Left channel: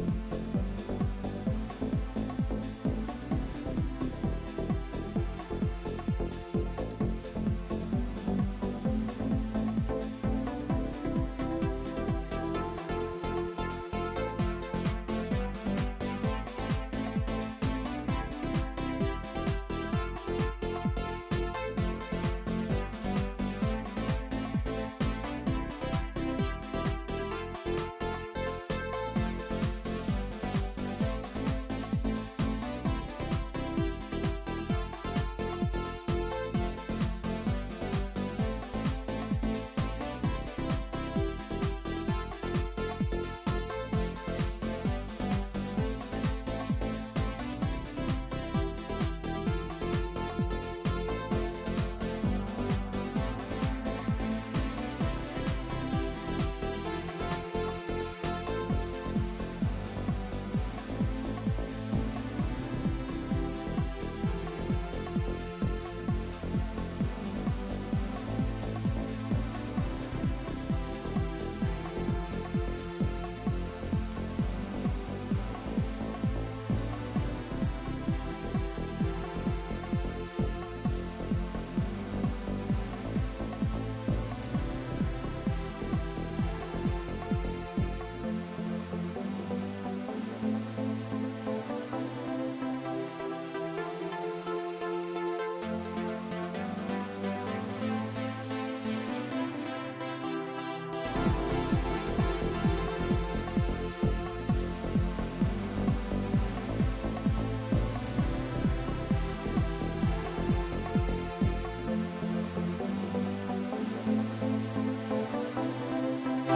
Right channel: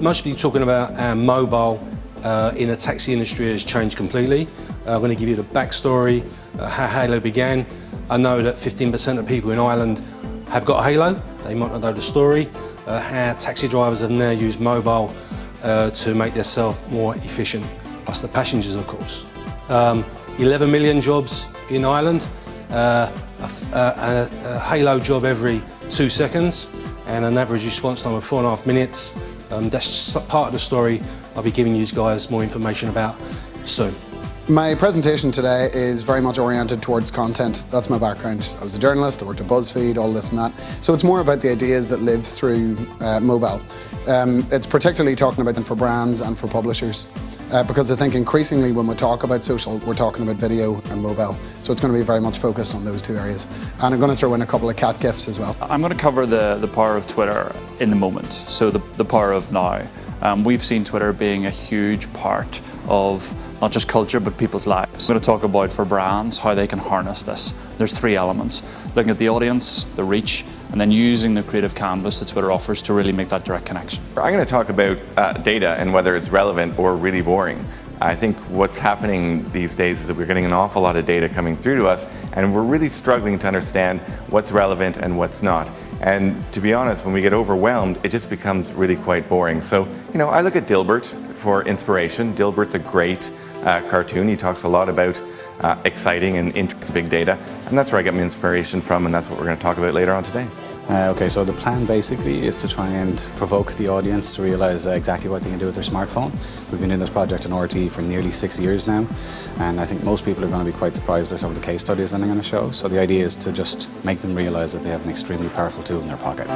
Most people talking about mobile in the taxi industry has changed completely. I'm going to give you the backstory, how Hailo began. I know that 15% of people in Ireland have got Hailo. They might not know the story. How taxi drivers have now used mobile to make themselves more efficient, plus the passengers, of course. 11 million jobs in Ireland, a Hailo job every 2 seconds, and an average response time of 4.5 minutes. That's just part of the story I'll be giving you guys more information about soon. My presentation today is very much oriented towards content. That's my background. I was a journalist, I worked at BuzzFeed, all this and that. So it's more about the ideas that live through mobile. It's particularly talking about them for brands and for publishers. Because I think increasingly when we talk about social, we're talking about video and mobile. So it's going to be very much focused on those two areas. And I'm going to throw in a couple of cat gifs as well. I'm going to cover the power of Twitter in the moment, so the power of now. We've seen Twitter being a huge part of not just culture, but people's lives. I'm going to talk about for brands how they can harness this. There's 3 elements: looking at the audience, the reach, and then using the creative canvas that Twitter offers to really make that direct connection. I'm going to talk about data and whether it's relevant or really boring. I think what's happening these days is that we're getting an awful lot of data coming through to us, and we're really struggling to understand what's relevant and what's not. And to be honest, when we get overwhelmed, it just becomes really quite boring. So, I look at Dilbert for inspiration. Dilbert's a great cartoon. He talks a lot about exciting and interesting big data, and that's where I get my inspiration from, and that's what we're going to talk about later on today. Okay, so the plan basically is to try and provoke the audience to realise exactly what they can do with their smartphone. We've been doing this project in RT for nearly 6 years now, and I think most people are going to be quite surprised by some of the case studies that I'm going to show. So the idea is to just make them realise that they have an extremely powerful tool in their pocket.